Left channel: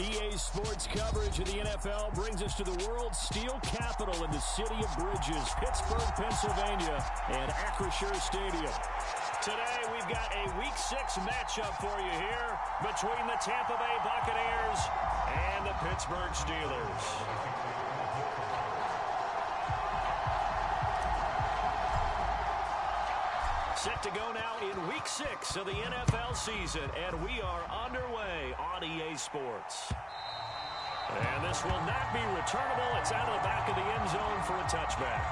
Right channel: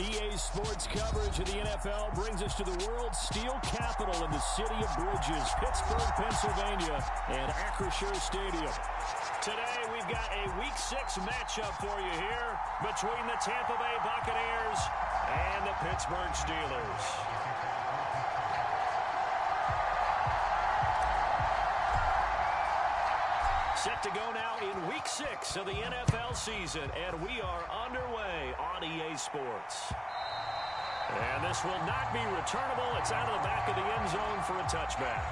EA Sports coverage of the NFL brings us to the world's steel capital in the city of bridges, Pittsburgh, Pennsylvania, and Acrisure Stadium. Today, we've got a Week 6 matchup for you here between the Tampa Bay Buccaneers and the Pittsburgh Steelers. Set to go now in Week 6 of the NFL season, and we are underway on EA Sports. And this will not be returnable. It's out of the back of the end zone for a touchback.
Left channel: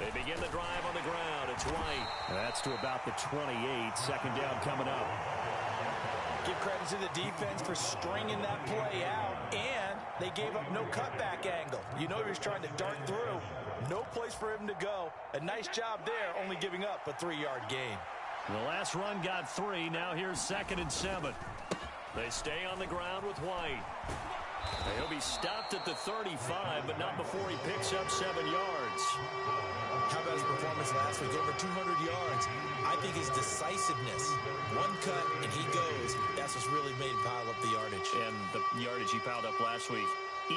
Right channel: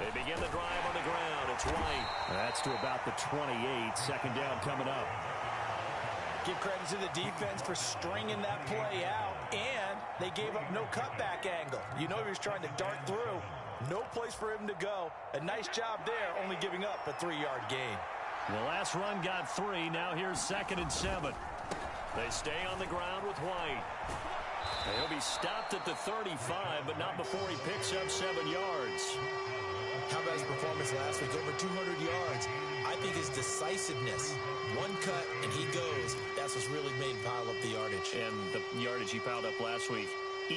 They begin the drive on the ground. It's White. That's to about the 28. Second down coming up. Give credit to the defense for stringing that play out, and they gave up no cutback angle. You know he was trying to dart through. No place for him to go. A nice job there, only giving up a 3-yard gain. The last run got 3. Now here's 2nd and 7. They stay on the ground with White. He'll be stopped at the 35, but not before he picks up 7 yards. How about his performance last week? Over 200 yards. I think his decisiveness. One cut, and he goes. That's what's really made him pile up the yardage. And the yardage he piled up last week,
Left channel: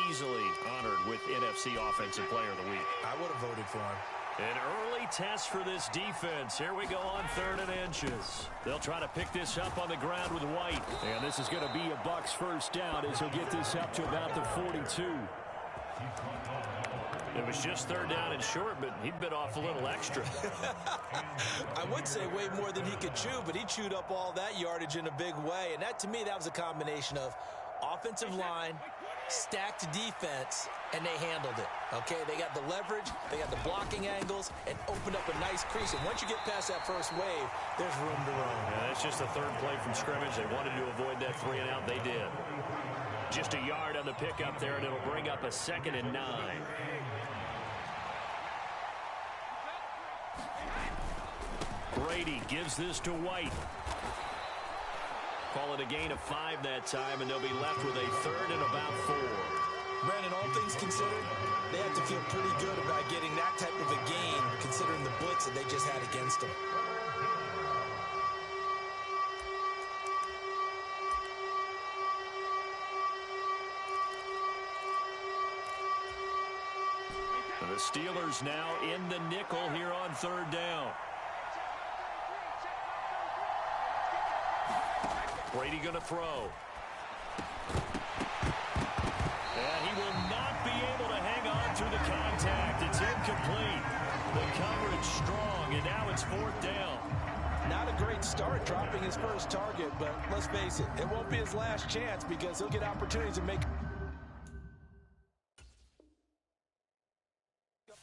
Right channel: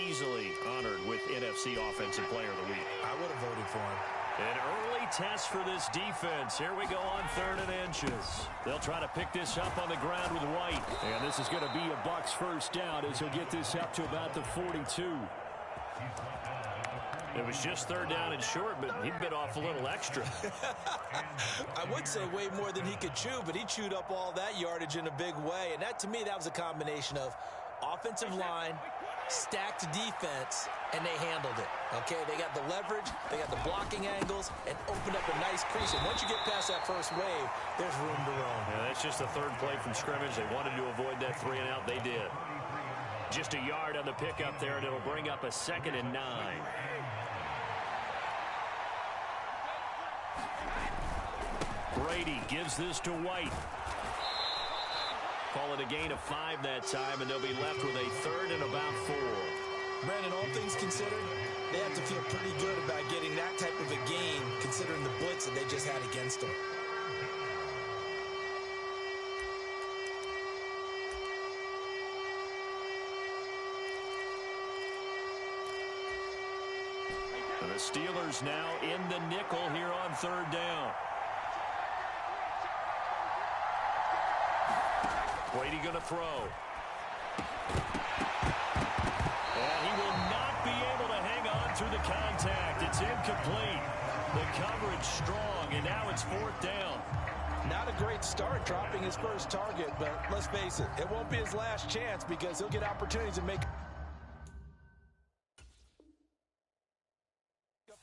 easily honored with NFC Offensive Player of the Week. I would have voted for him. An early test for this defense. Here we go on 3rd and inches. They'll try to pick this up on the ground with White. And this is going to be a Bucs first down as he'll get this up to about the 42. It was just 3rd down and short, but he bit off a little extra. I would say way more than he could chew, but he chewed up all that yardage in a big way. And that, to me, that was a combination of offensive line, stacked defense, and they handled it. Okay, they got the leverage, they got the blocking angles, and opened up a nice crease. And once you get past that first wave, there's room to roam. Yeah, that's just the 3rd play from scrimmage. They wanted to avoid that 3 and out. They did. Just a yard on the pickup there, and it'll bring up a 2nd and 9. Brady gives this to White. Call it a gain of 5 that time, and they'll be left with a 3rd and about 4. Brandon, all things considered, they have to feel pretty good about getting that type of a gain, considering the blitz that they just had against them. And the Steelers now in the nickel here on 3rd down. Brady going to throw. And he will not be able to hang on through the contact. It's incomplete. The coverage strong, and now it's 4th down. Not a great start dropping his first target, but let's face it, it won't be his last chance because he'll get opportunities to make up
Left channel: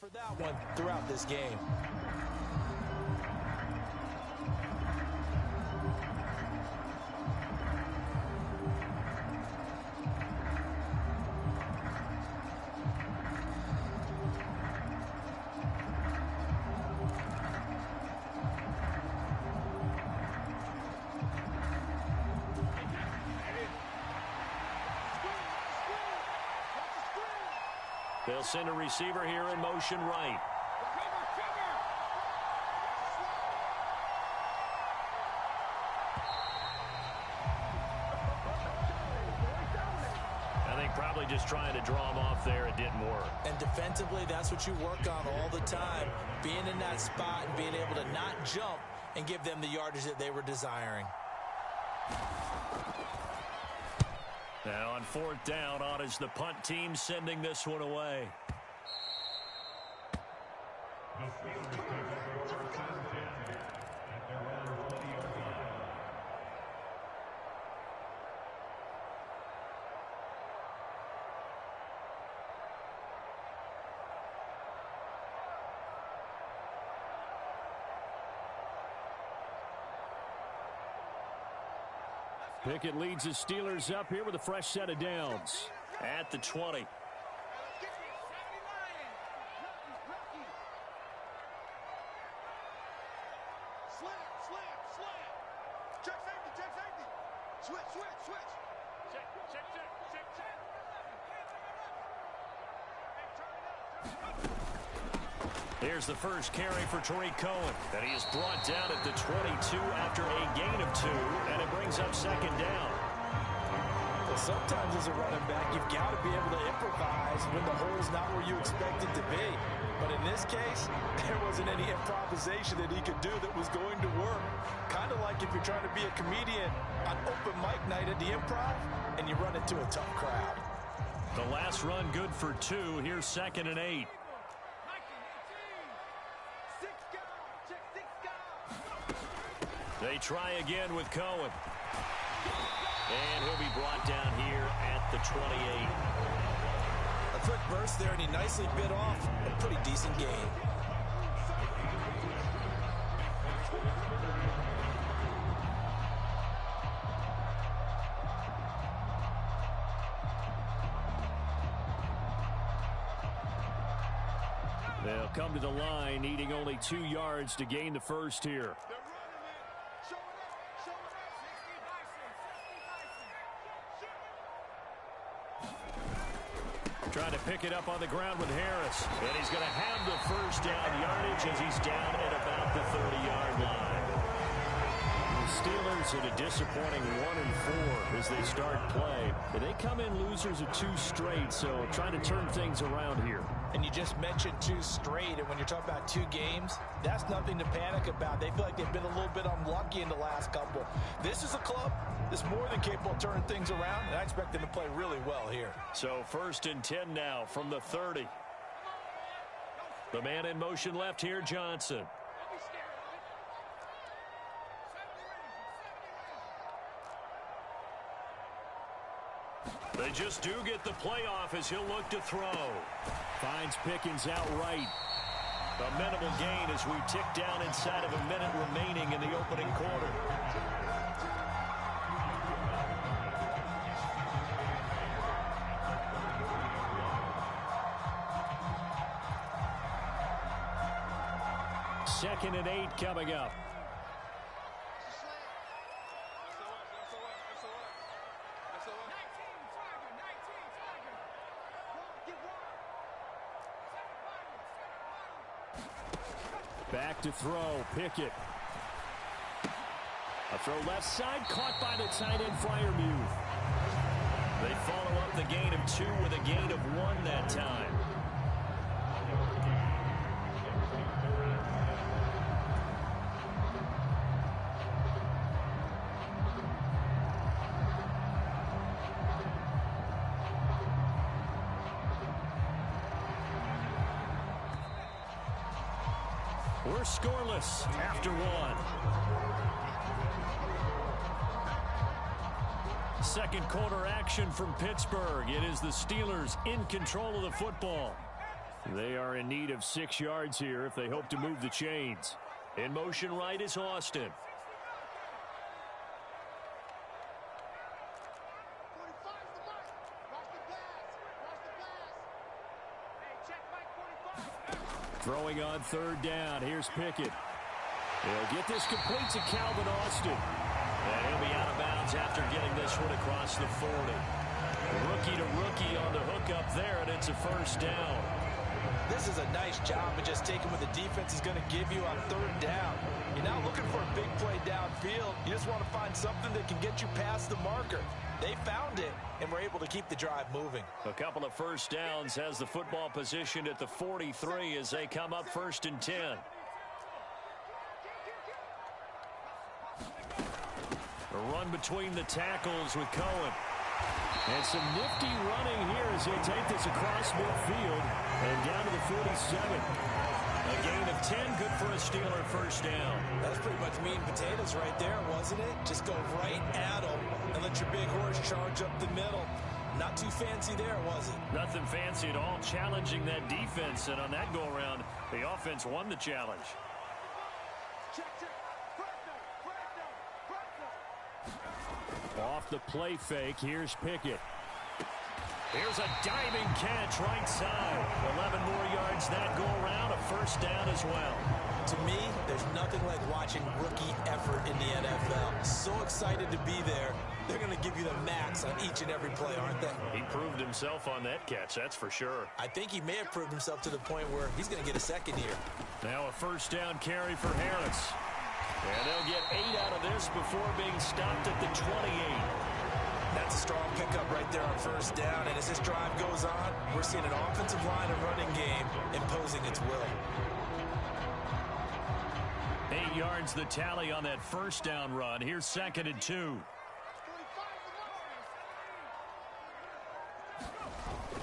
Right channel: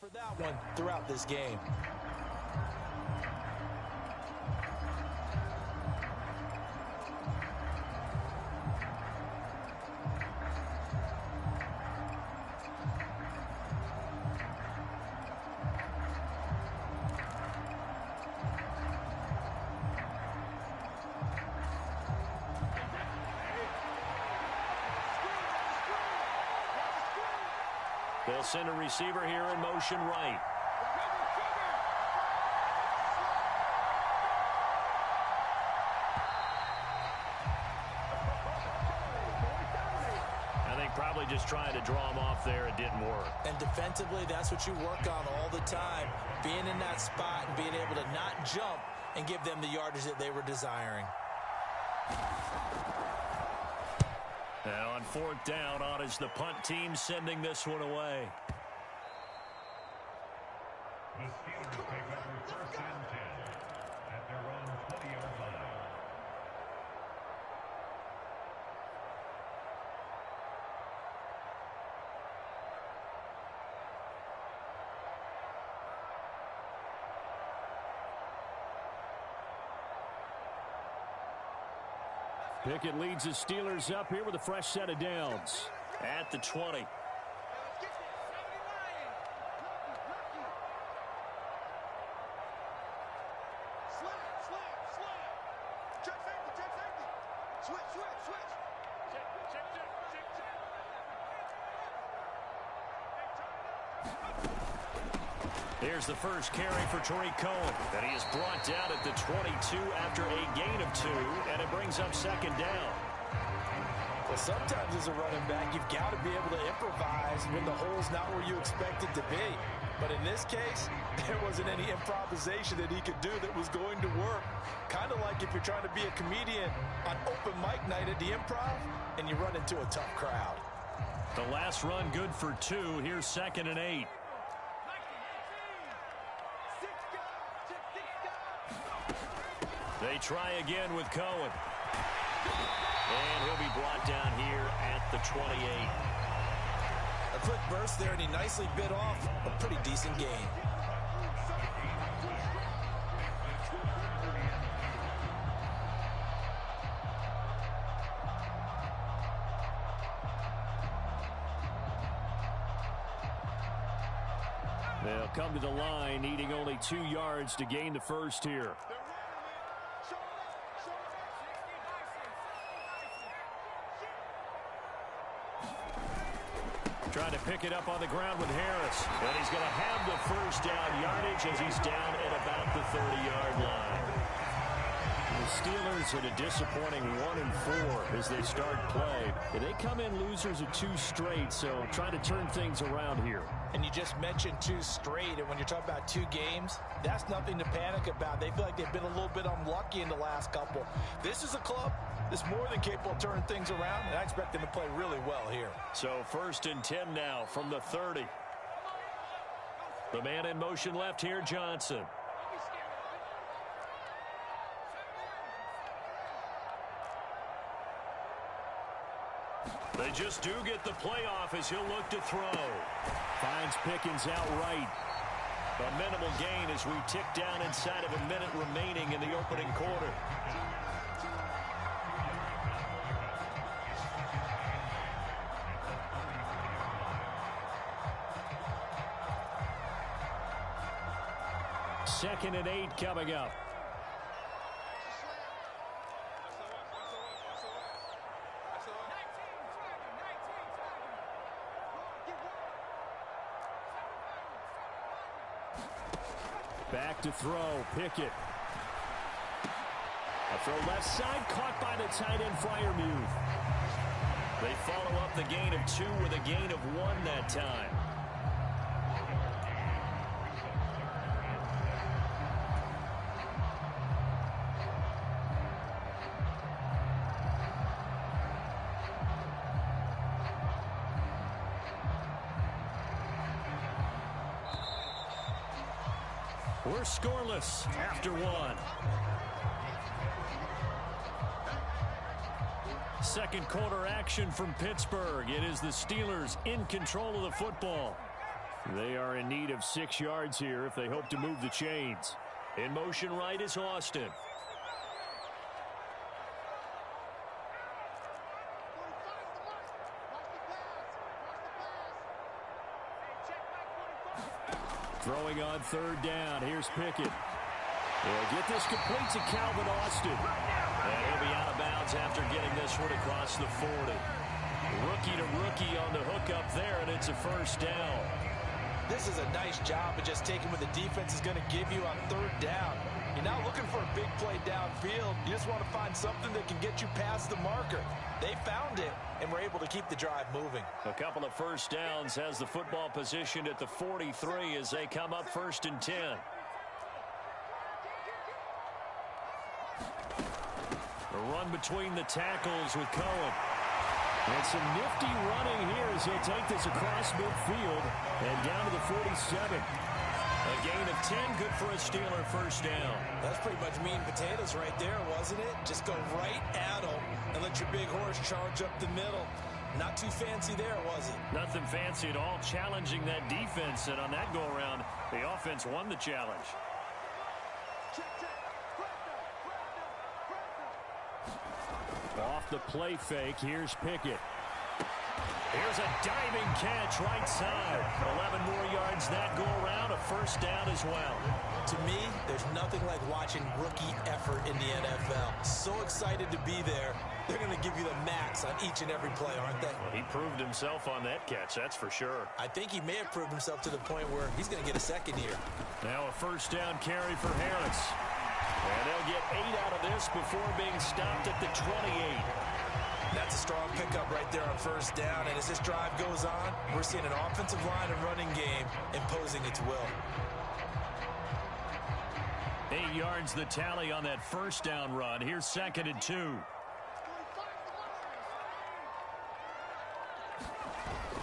for that one throughout this game. They'll send a receiver here in motion right. I think probably just trying to draw him off there, it didn't work. And defensively, that's what you work on all the time. Being in that spot and being able to not jump and give them the yardage that they were desiring. Now on 4th down, on is the punt team sending this one away. The Steelers take over 1st and 10 at their own 20-yard line. Pickett leads the Steelers up here with a fresh set of downs. At the 20. Here's the first carry for Tariq Cohen. And he is brought down at the 22 after a gain of 2, and it brings up second down. Well, sometimes as a running back, you've got to be able to improvise when the hole's not where you expect it to be. But in this case, there wasn't any improvisation that he could do that was going to work. Kind of like if you're trying to be a comedian on open mic night at the Improv and you run into a tough crowd. The last run good for 2. Here's 2nd and 8. They try again with Cohen. And he'll be brought down here at the 28. A quick burst there, and he nicely bit off a pretty decent gain. They'll come to the line, needing only 2 yards to gain the first here. Trying to pick it up on the ground with Harris. And he's going to have the first down yardage as he's down at about the 30-yard line. The Steelers at a disappointing 1-4 as they start play. They come in losers of 2 straight, so trying to turn things around here. And you just mentioned 2 straight, and when you're talking about 2 games, that's nothing to panic about. They feel like they've been a little bit unlucky in the last couple. This is a club that's more than capable of turning things around, and I expect them to play really well here. So 1st and 10 now from the 30. The man in motion left here, Johnson. They just do get the playoff as he'll look to throw. Finds Pickens outright. A minimal gain as we tick down inside of a minute remaining in the opening quarter. Second and 8 coming up. Back to throw, Pickett. A throw left side, caught by the tight end, Freiermuth. They follow up the gain of 2 with a gain of 1 that time. We're scoreless after 1. Second quarter action from Pittsburgh. It is the Steelers in control of the football. They are in need of 6 yards here if they hope to move the chains. In motion right is Austin. Throwing on 3rd down. Here's Pickett. He'll get this complete to Calvin Austin. And he'll be out of bounds after getting this one across the 40. Rookie to rookie on the hook up there, and it's a first down. This is a nice job of just taking what the defense is going to give you on 3rd down. You're not looking for a big play downfield. You just want to find something that can get you past the marker. They found it and were able to keep the drive moving. A couple of first downs has the football positioned at the 43 as they come up 1st and 10. A run between the tackles with Cohen. And some nifty running here as he'll take this across midfield and down to the 47. A gain of 10, good for a Steeler first down. That's pretty much meat and potatoes right there, wasn't it? Just go right at them and let your big horse charge up the middle. Not too fancy there, was it? Nothing fancy at all, challenging that defense. And on that go-around, the offense won the challenge. Off the play fake, here's Pickett. Here's a diving catch right side. 11 more yards that go around, a first down as well. To me, there's nothing like watching rookie effort in the NFL. So excited to be there. They're going to give you the max on each and every play, aren't they? Well, he proved himself on that catch, that's for sure. I think he may have proved himself to the point where he's going to get a second here. Now a first down carry for Harris. And they'll get 8 out of this before being stopped at the 28. That's a strong pickup right there on first down. And as this drive goes on, we're seeing an offensive line and running game imposing its will. 8 yards the tally on that first down run. Here's 2nd and 2.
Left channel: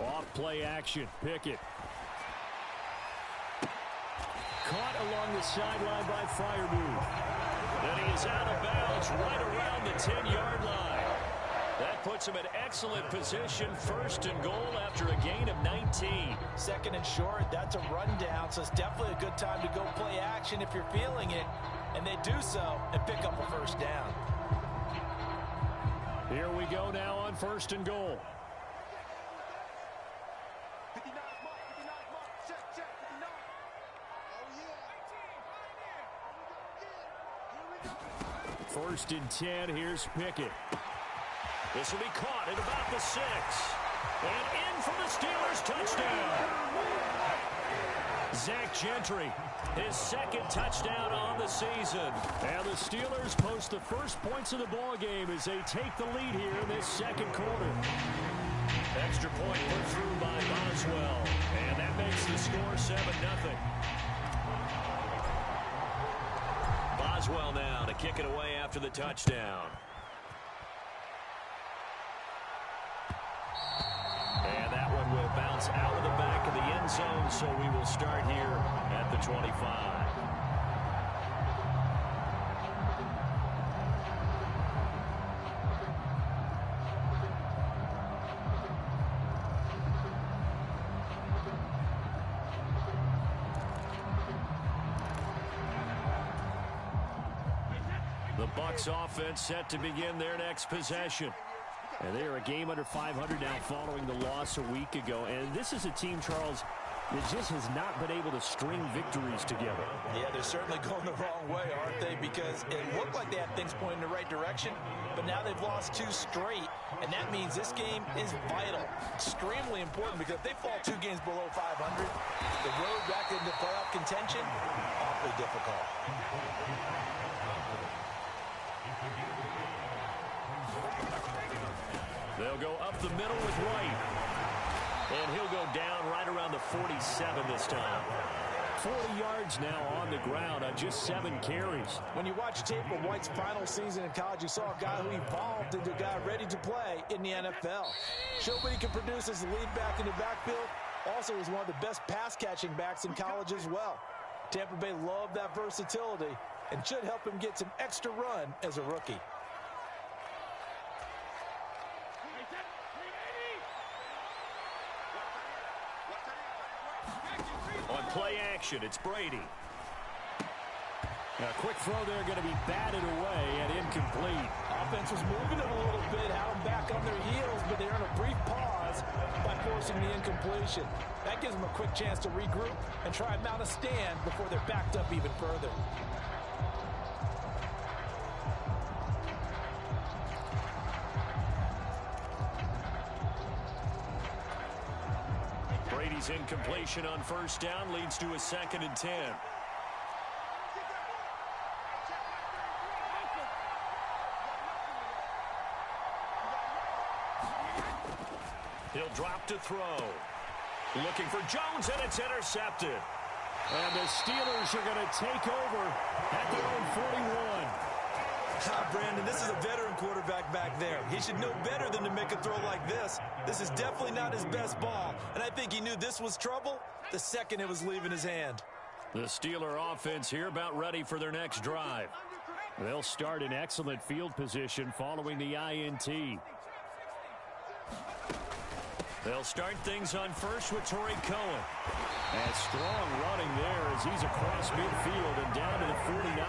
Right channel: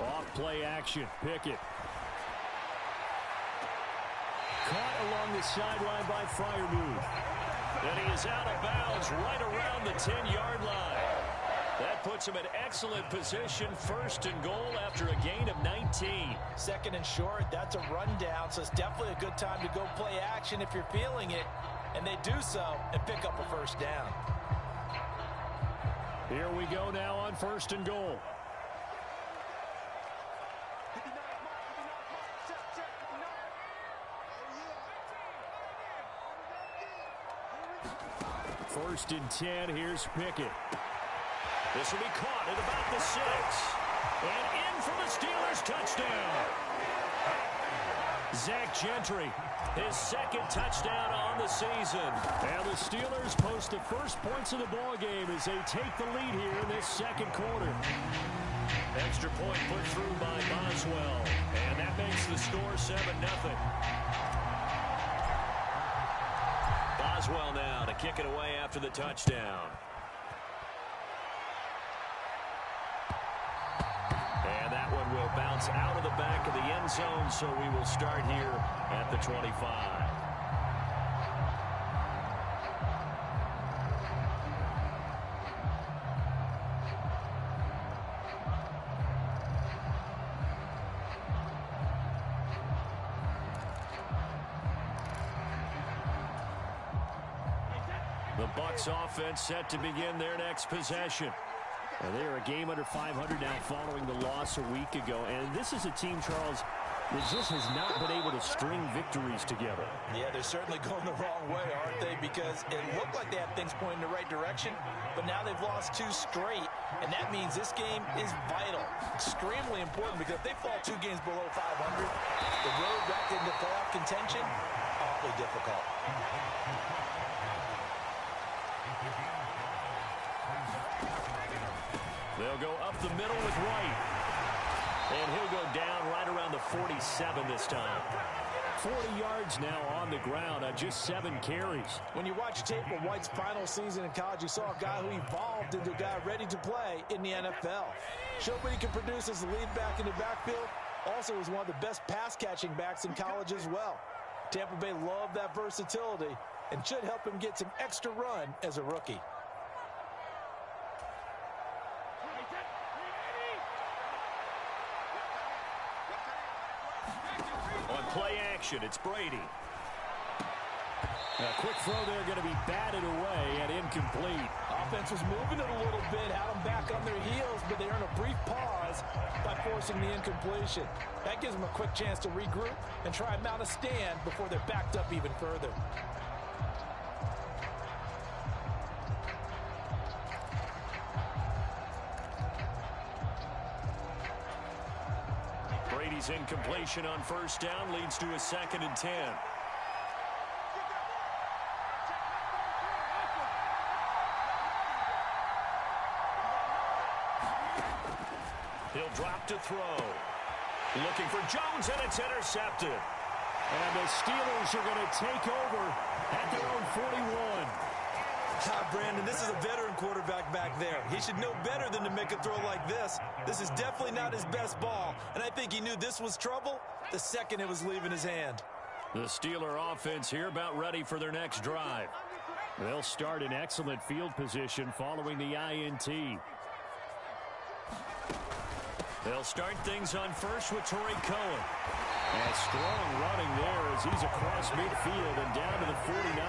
Off play action. Pickett. Caught along the sideline by Freiermuth. And he is out of bounds right around the 10-yard line. That puts him in excellent position, 1st and goal after a gain of 19. 2nd and short, that's a rundown, so it's definitely a good time to go play action if you're feeling it. And they do so and pick up a first down. Here we go now on 1st and goal. First and 10, here's Pickett. This will be caught at about the 6. And in for the Steelers touchdown. Zach Gentry, his 2nd touchdown on the season. And the Steelers post the first points of the ball game as they take the lead here in this 2nd quarter. Extra point put through by Boswell. And that makes the score 7-0. Boswell now to kick it away after the touchdown. And that one will bounce out of the back of the end zone, so we will start here at the 25. The Bucs offense set to begin their next possession. And they are a game under 500 now following the loss a week ago. And this is a team, Charles, that just has not been able to string victories together. Yeah, they're certainly going the wrong way, aren't they? Because it looked like they had things pointing in the right direction, but now they've lost 2 straight. And that means this game is vital, extremely important, because if they fall 2 games below 500, the road back into playoff contention, awfully difficult. They'll go up the middle with Wright. And he'll go down right around the 47 this time. 40 yards now on the ground on just 7 carries. When you watch tape of White's final season in college, you saw a guy who evolved into a guy ready to play in the NFL. Showed what he can produce as a lead back in the backfield. Also was one of the best pass-catching backs in college as well. Tampa Bay loved that versatility and should help him get some extra run as a rookie. On play action, it's Brady. A quick throw there going to be batted away and incomplete. Offense was moving it a little bit, had them back on their heels, but they earned a brief pause by forcing the incompletion. That gives them a quick chance to regroup and try and mount a stand before they're backed up even further. Brady's incompletion on first down leads to a 2nd and 10. He'll drop to throw. Looking for Jones, and it's intercepted. And the Steelers are going to take over at their own 41. Brandon, this is a veteran quarterback back there. He should know better than to make a throw like this. This is definitely not his best ball, and I think he knew this was trouble the second it was leaving his hand. The Steeler offense here about ready for their next drive. They'll start in excellent field position following the INT. They'll start things on first with Torrey Cohen. And strong running there as he's across midfield and down to the 49.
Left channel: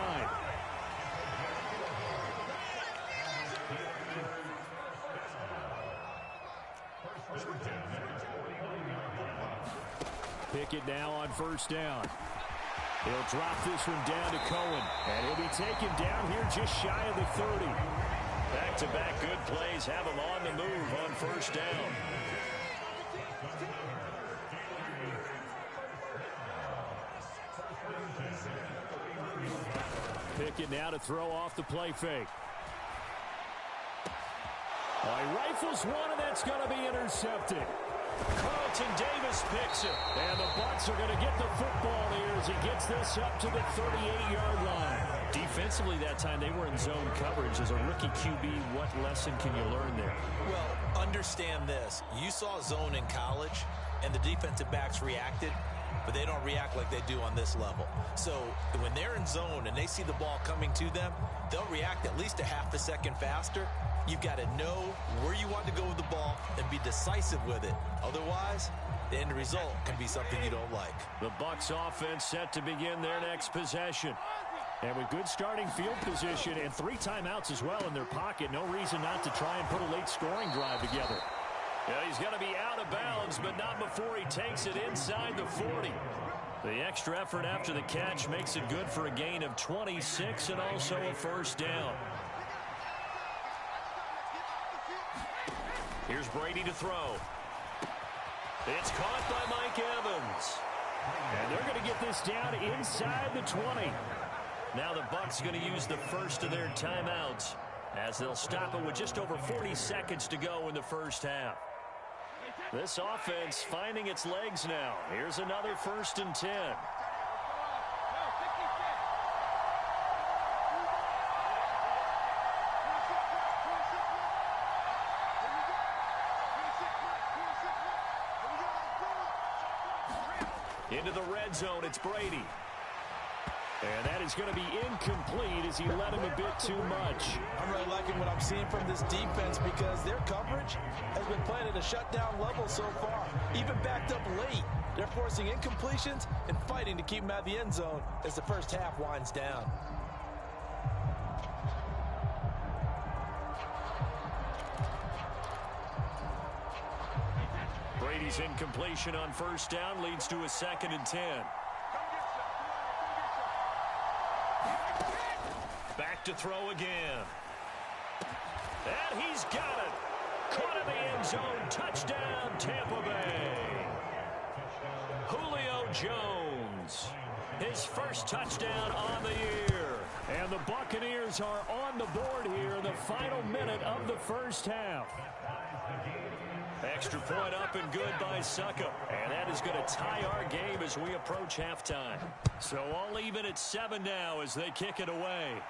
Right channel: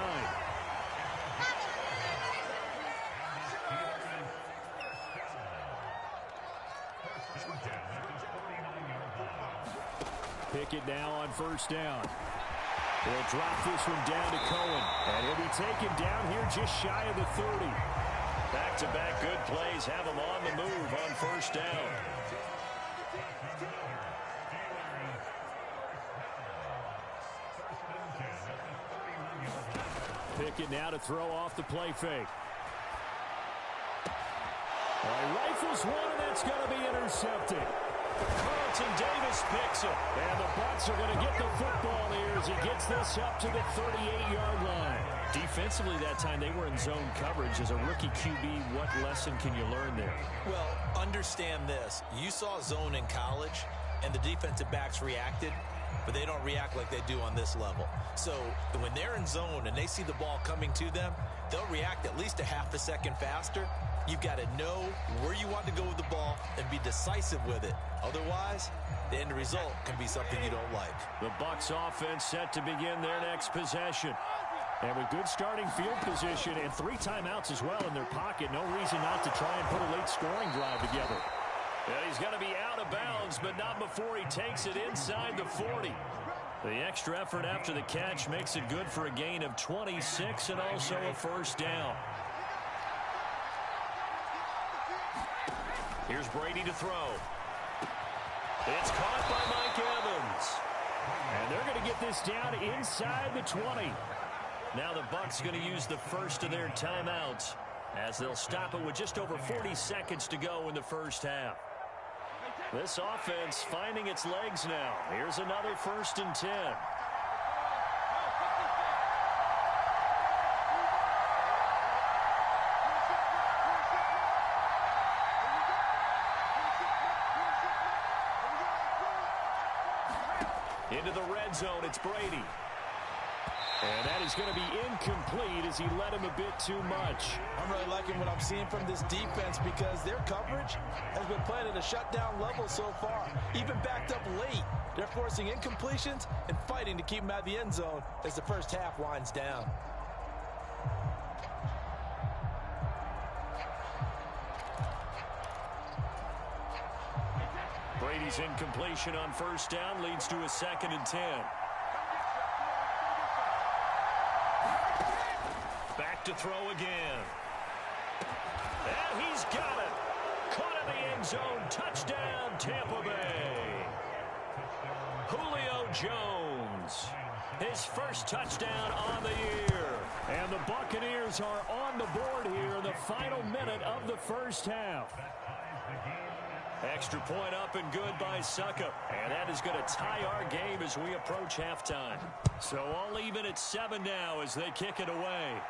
Pickett now on first down. He'll drop this one down to Cohen. And he'll be taken down here just shy of the 30. Back-to-back good plays have him on the move on first down. Pickett now to throw off the play fake. Well, he rifles one, and that's going to be intercepted. Carlton Davis picks it. And the Bucs are going to get the football here as he gets this up to the 38-yard line. Defensively that time, they were in zone coverage. As a rookie QB, what lesson can you learn there? Well, understand this. You saw zone in college, and the defensive backs reacted, but they don't react like they do on this level. So when they're in zone and they see the ball coming to them, they'll react at least a half a second faster. You've got to know where you want to go with the ball and be decisive with it. Otherwise, the end result can be something you don't like. The Bucs offense set to begin their next possession. And with good starting field position and 3 timeouts as well in their pocket, no reason not to try and put a late scoring drive together. Yeah, he's going to be out of bounds, but not before he takes it inside the 40. The extra effort after the catch makes it good for a gain of 26 and also a first down. Here's Brady to throw. It's caught by Mike Evans. And they're going to get this down inside the 20. Now the Bucs going to use the first of their timeouts as they'll stop it with just over 40 seconds to go in the first half. This offense finding its legs now. Here's another 1st and 10. Into the red zone, it's Brady. And that is going to be incomplete as he led him a bit too much. I'm really liking what I'm seeing from this defense because their coverage has been played at a shutdown level so far. Even backed up late, they're forcing incompletions and fighting to keep them out of the end zone as the first half winds down. Brady's incompletion on first down leads to a 2nd and 10. Back to throw again. And he's got it. Caught in the end zone. Touchdown, Tampa Bay. Julio Jones. His first touchdown on the year. And the Buccaneers are on the board here in the final minute of the first half. Extra point up and good by Suckup. And that is going to tie our game as we approach halftime. So all even at 7 now as they kick it away.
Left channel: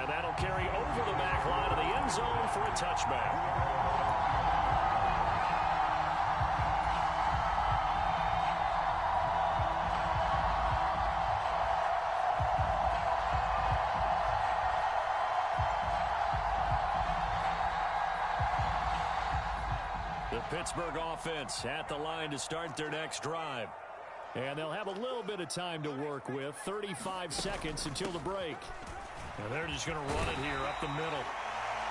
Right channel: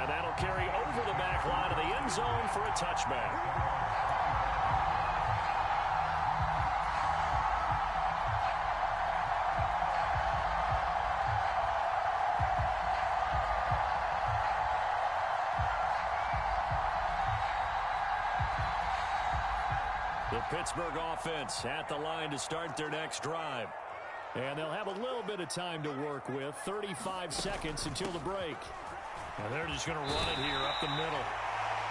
And that'll carry over the back line of the end zone for a touchback. The Pittsburgh offense at the line to start their next drive. And they'll have a little bit of time to work with. 35 seconds until the break. And they're just going to run it here up the middle.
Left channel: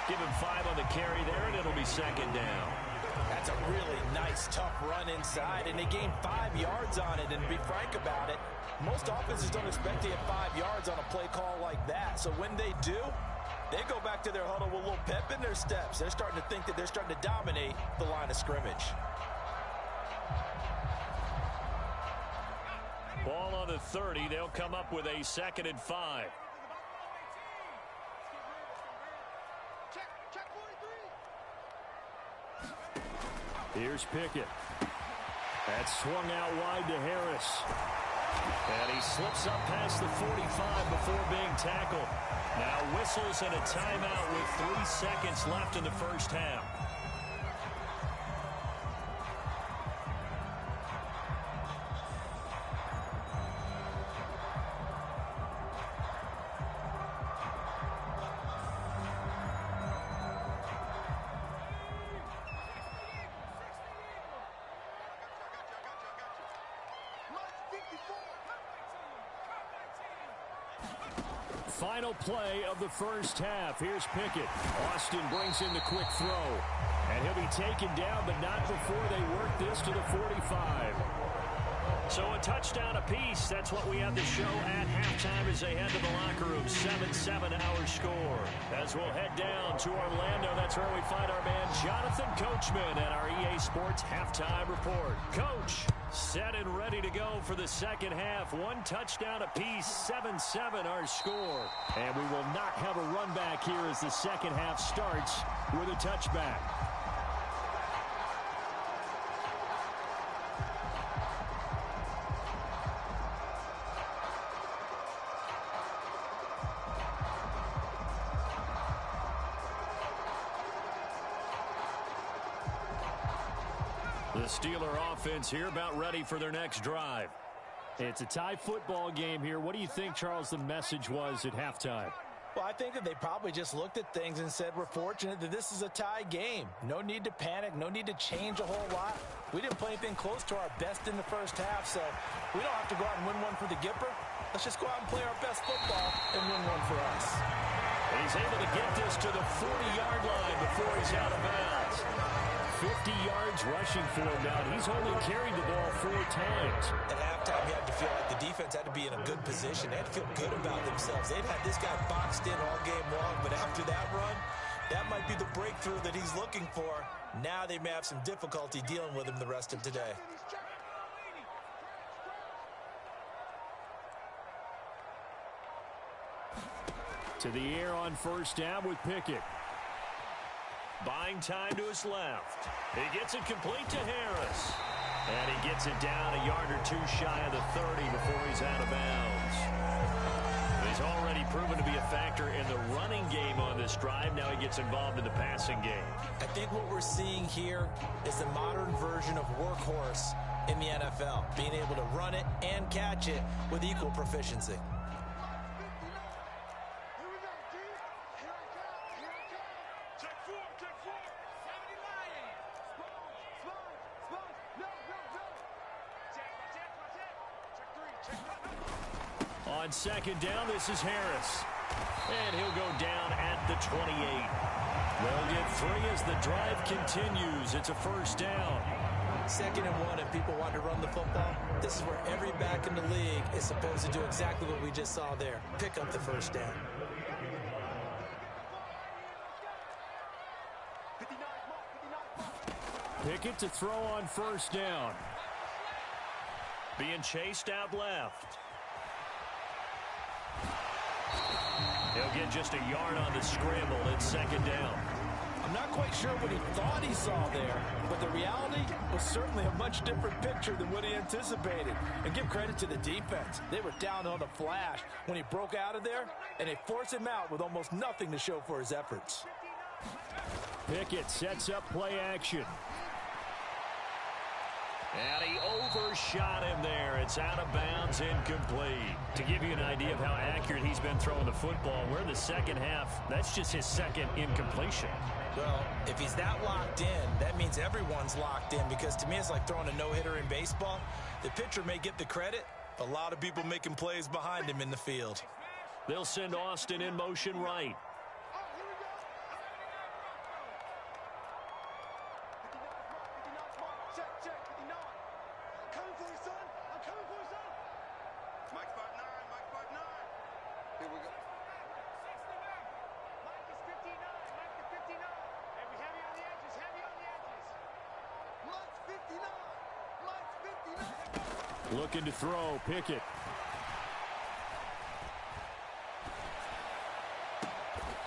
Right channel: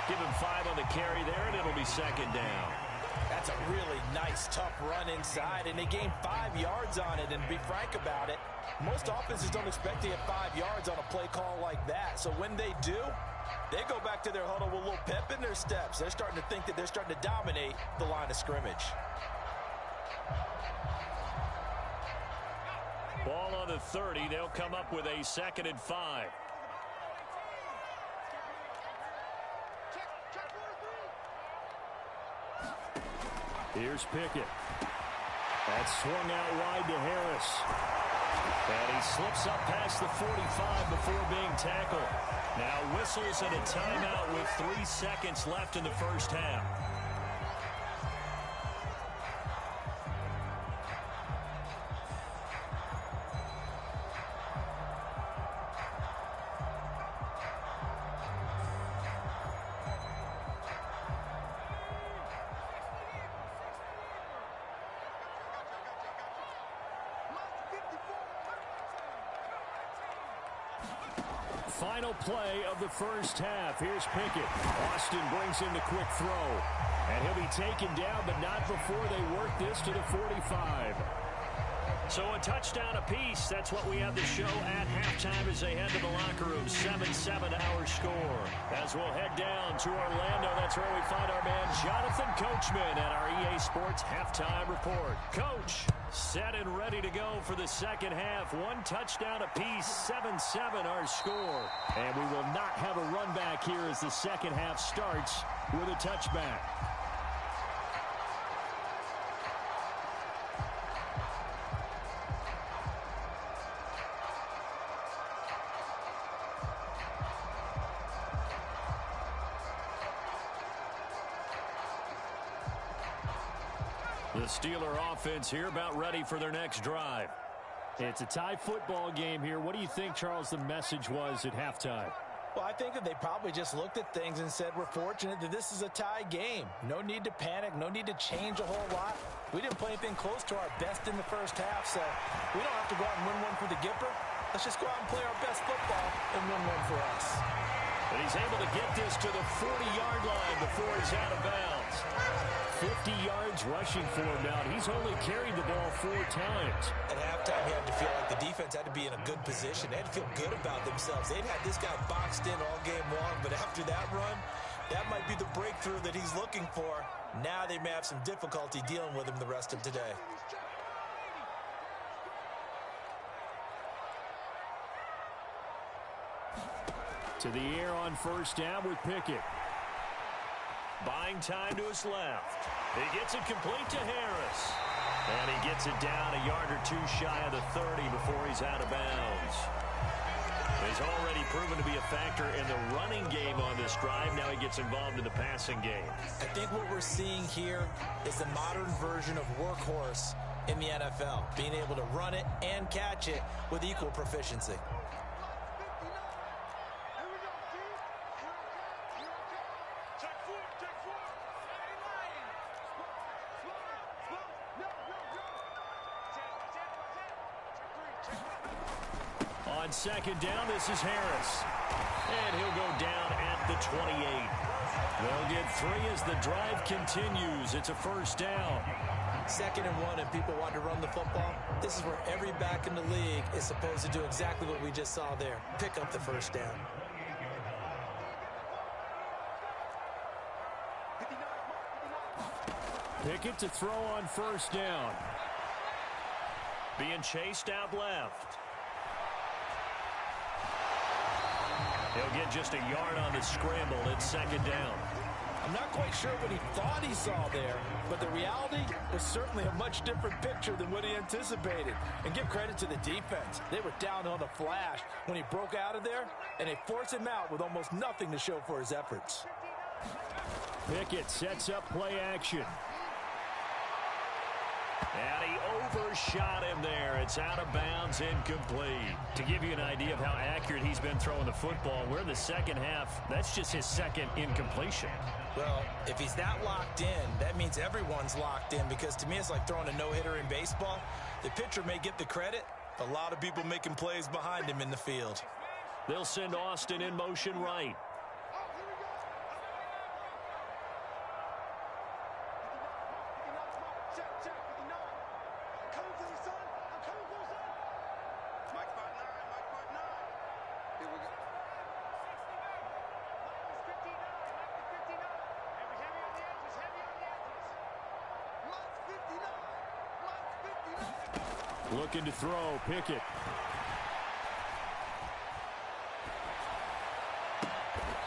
Give him 5 on the carry there, and it'll be 2nd down. That's a really nice, tough run inside, and they gained 5 yards on it. And to be frank about it, most offenses don't expect to get 5 yards on a play call like that. So when they do, they go back to their huddle with a little pep in their steps. They're starting to think that they're starting to dominate the line of scrimmage. Ball on the 30. They'll come up with a 2nd and 5. Here's Pickett. That's swung out wide to Harris. And he slips up past the 45 before being tackled. Now whistles and a timeout with 3 seconds left in the first half. final play of the first half. Here's Pickett. Austin brings in the quick throw. And he'll be taken down, but not before they work this to the 45. So a touchdown apiece. That's what we have to show at halftime as they head to the locker room. 7-7 our score. As we'll head down to Orlando, that's where we find our man Jonathan Coachman at our EA Sports Halftime Report. Coach, set and ready to go for the second half. One touchdown apiece, 7-7 our score. And we will not have a run back here as the second half starts with a touchback. The Steeler offense here about ready for their next drive. It's a tie football game here. What do you think, Charles, the message was at halftime? Well, I think that they probably just looked at things and said, we're fortunate that this is a tie game. No need to panic. No need to change a whole lot. We didn't play anything close to our best in the first half, so we don't have to go out and win one for the Gipper. Let's just go out and play our best football and win one for us. And he's able to get this to the 40-yard line before he's out of bounds. 50 yards rushing for him now. He's only carried the ball 4 times. At halftime, he had to feel like the defense had to be in a good position. They had to feel good about themselves. They'd had this guy boxed in all game long, but after that run, that might be the breakthrough that he's looking for. Now they may have some difficulty dealing with him the rest of today. To the air on first down with Pickett. Buying time to his left. He gets it complete to Harris. And he gets it down a yard or two shy of the 30 before he's out of bounds. He's already proven to be a factor in the running game on this drive. Now he gets involved in the passing game. I think what we're seeing here is the modern version of workhorse in the NFL. Being able to run it and catch it with equal proficiency. On second down, this is Harris. And he'll go down at the 28. They'll get 3 as the drive continues. It's a first down. 2nd and 1, and people want to run the football. This is where every back in the league is supposed to do exactly what we just saw there. Pick up the first down. Pickett to throw on first down. Being chased out left. He'll get just a yard on the scramble. It's 2nd down. I'm not quite sure what he thought he saw there, but the reality was certainly a much different picture than what he anticipated. And give credit to the defense. They were down on a flash when he broke out of there, and they forced him out with almost nothing to show for his efforts. Pickett sets up play action. And he overshot him there. It's out of bounds, incomplete. To give you an idea of how accurate he's been throwing the football, we're in the second half. That's just his second incompletion. Well, if he's that locked in, that means everyone's locked in, because to me it's like throwing a no-hitter in baseball. The pitcher may get the credit, but a lot of people making plays behind him in the field. They'll send Austin in motion right. Looking to throw, Pickett.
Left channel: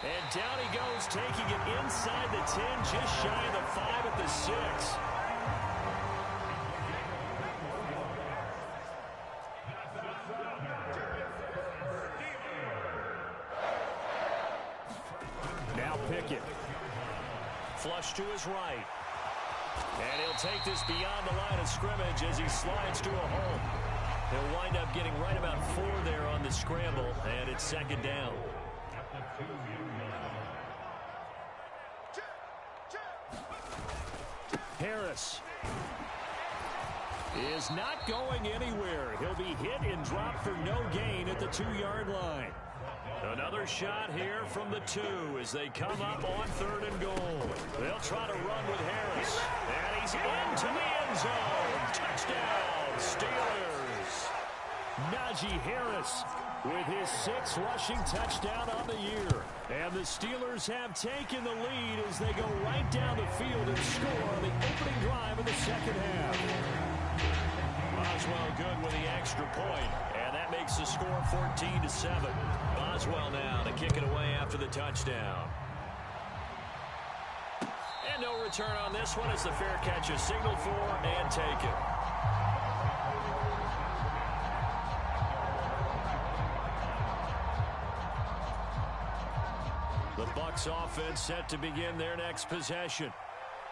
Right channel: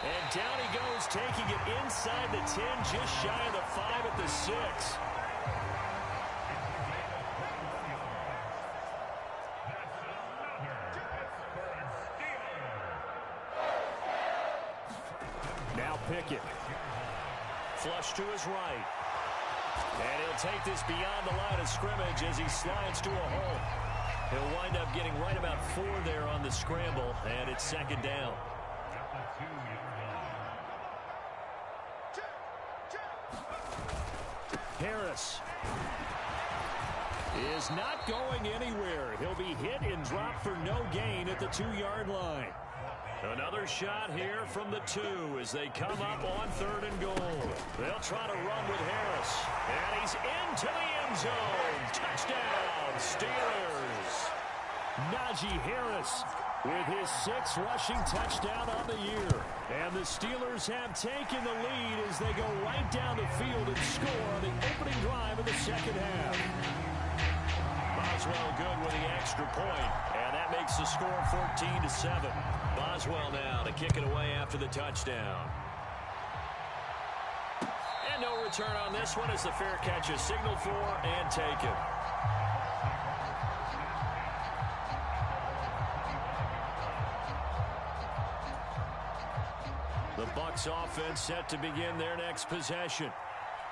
And down he goes, taking it inside the 10, just shy of the 5 at the 6. Now Pickett. Flush to his right. And he'll take this beyond the line of scrimmage as he slides to a hole. He'll wind up getting right about 4 there on the scramble, and it's 2nd down. Harris is not going anywhere. He'll be hit and dropped for no gain at the 2-yard line. Another shot here from the 2 as they come up on 3rd and goal. They'll try to run with Harris. And he's into the end zone. Touchdown, Steelers. Najee Harris with his 6th rushing touchdown on the year. And the Steelers have taken the lead as they go right down the field and score on the opening drive of the second half. Boswell good with the extra point, and that makes the score 14-7. Boswell now to kick it away after the touchdown. And no return on this one as the fair catch is signaled for and taken. The Bucs offense set to begin their next possession.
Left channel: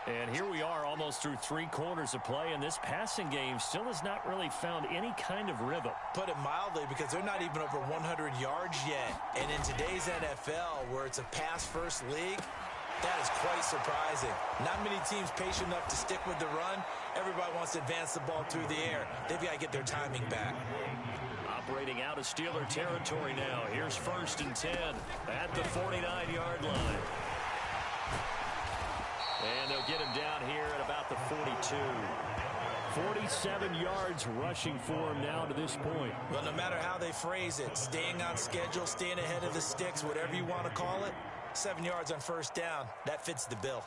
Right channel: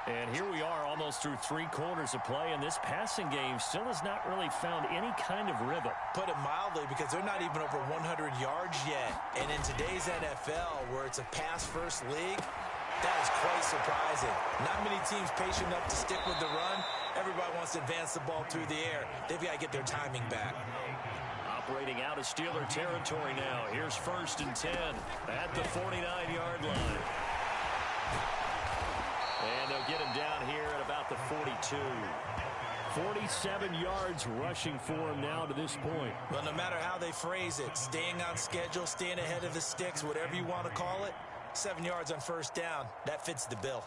And here we are almost through 3 quarters of play, and this passing game still has not really found any kind of rhythm. Put it mildly, because they're not even over 100 yards yet. And in today's NFL, where it's a pass-first league, that is quite surprising. Not many teams patient enough to stick with the run. Everybody wants to advance the ball through the air. They've got to get their timing back. Operating out of Steeler territory now. Here's 1st and 10 at the 49-yard line. And they'll get him down here at about the 42. 47 yards rushing for him now to this point. Well, no matter how they phrase it, staying on schedule, staying ahead of the sticks, whatever you want to call it, 7 yards on 1st down, that fits the bill.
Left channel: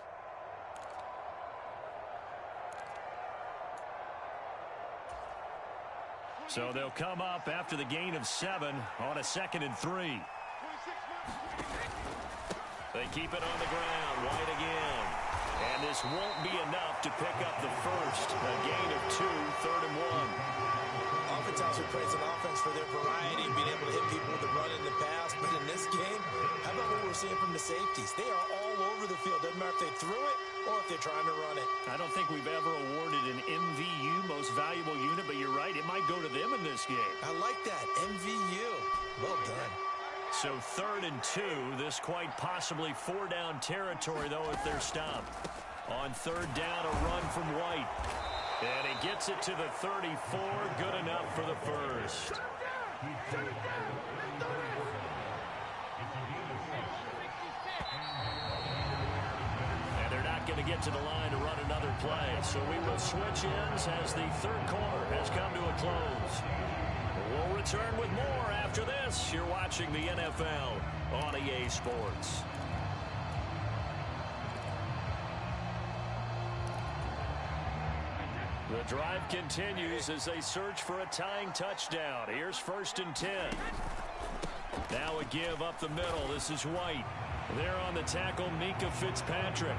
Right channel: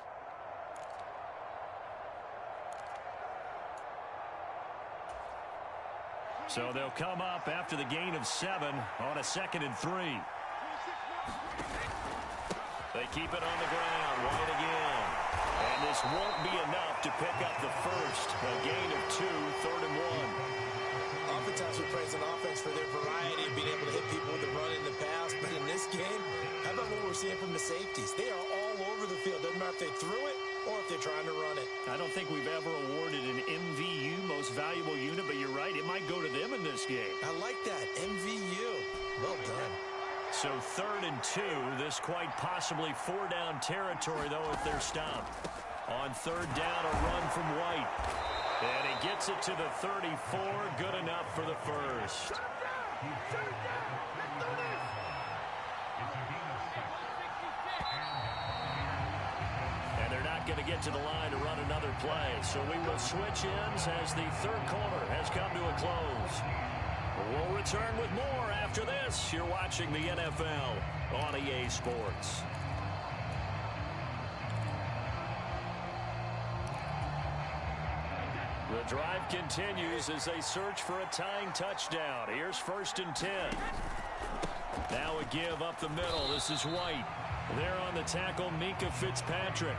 So they'll come up after the gain of 7 on a 2nd and 3. They keep it on the ground. White again. And this won't be enough to pick up the first. A gain of 2, 3rd and 1. Oftentimes we praise an offense for their variety and being able to hit people with the run in the pass. But in this game, how about what we're seeing from the safeties? They are all over the field. Doesn't matter if they threw it or if they're trying to run it. I don't think we've ever awarded an MVU, most valuable unit, but you're right. It might go to them in this game. I like that. MVU. Well done. So 3rd and 2, this quite possibly 4-down territory, though, if they're stopped. On 3rd down, a run from White. And he gets it to the 34, good enough for the first. And they're not going to get to the line to run another play. So we will switch ends as the 3rd quarter has come to a close. We'll return with more after this. You're watching the NFL on EA Sports. The drive continues as they search for a tying touchdown. Here's 1st and 10. Now a give up the middle. This is White. There on the tackle, Minkah Fitzpatrick.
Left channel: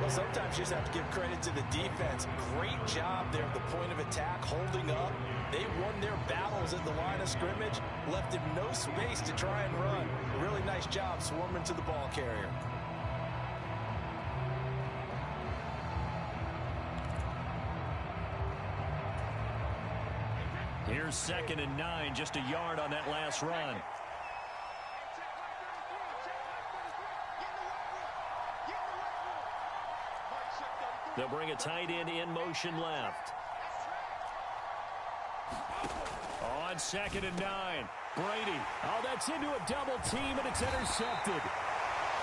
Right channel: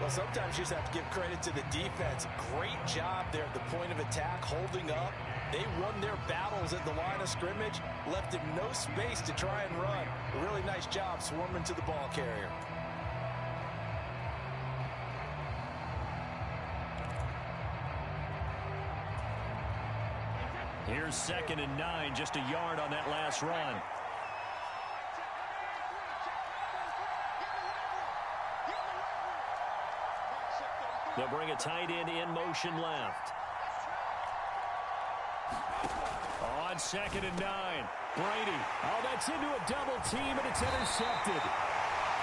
Well, sometimes you just have to give credit to the defense. Great job there at the point of attack, holding up. They won their battles at the line of scrimmage, left him no space to try and run. A really nice job swarming to the ball carrier. Here's 2nd and 9, just a yard on that last run. They'll bring a tight end in motion left. On 2nd and 9, Brady. Oh, that's into a double team, and it's intercepted.